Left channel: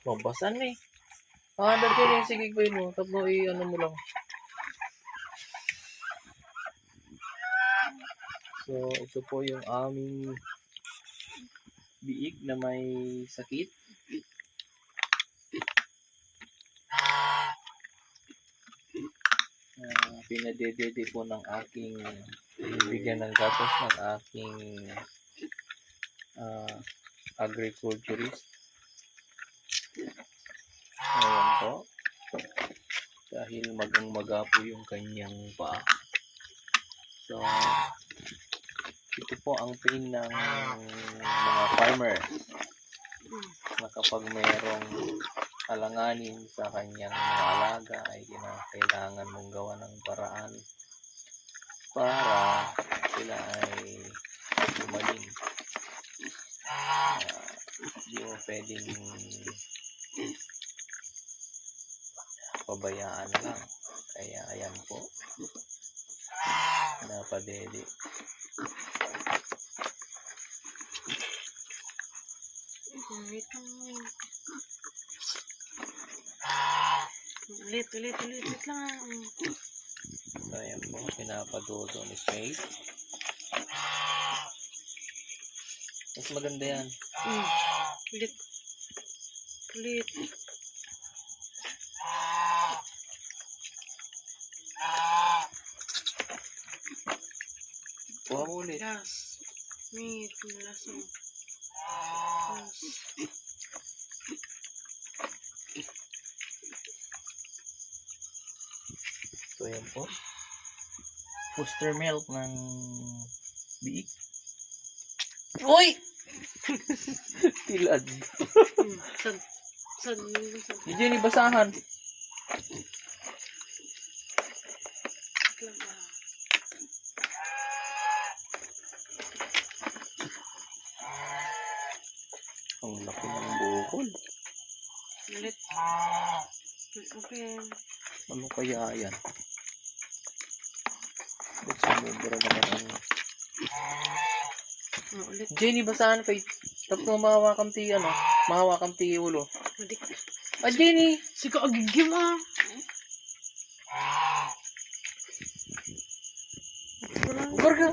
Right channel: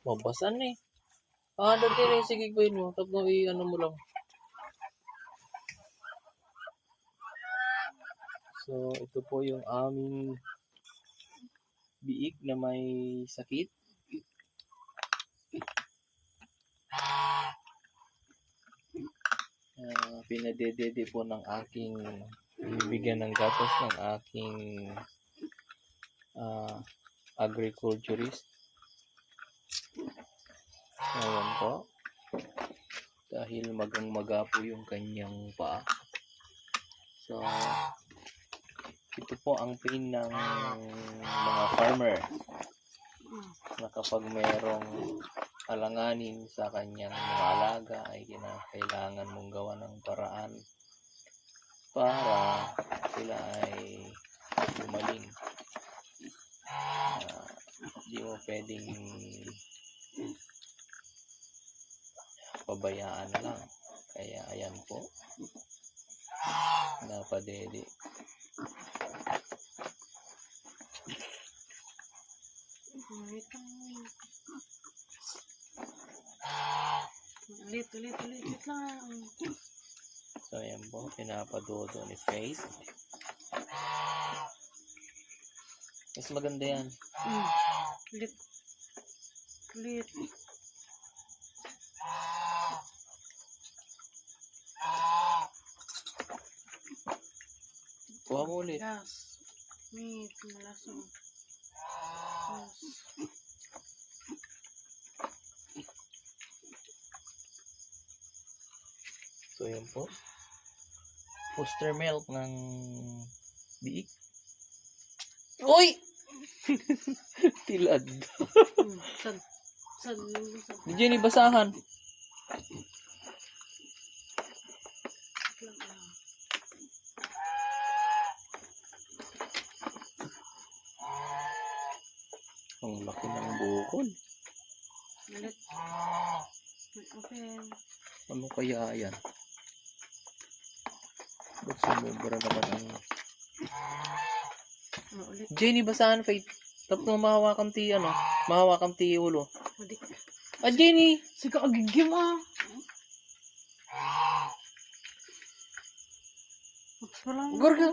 Mabasan eh. Dati na yung sigigbayin mo. Tapos i-ano mo lang. So, ito po yung aming biik na may sakit. Pinadedede po ng aking bigyan ng gatos ng aking agriculturist. Ayan po. Dahil magang-maga po yung kanyang paa. So, ito po ang pain ng mga farmer na kapag mayroong alanganin sa kanyang mga alaga ay kailangan mong gawa ng paraan para sila ay gumaling. Hindi mo pwedeng pabayaan lang. Kaya ayan po, napadede. Ulit lang. So ayan po, pinapadodo ni Faith. Mas maganda yan. Ulit. Kuha mo ulit. Last. Meat. Malasang. Last. So ayan po. Foster milk ng biik. Uy! Tilad. San. Di Jenny, basahan. Ang laki ng bukol. Ulit. Open. Ano kaya yan? Ba't sumubra naman ang... Ulit. Jenny, basahan Faith. Tapos mo mahawakan ti, mahawakan ti ulo. Ulit. Jenny! Sige, agigim Ugar ka.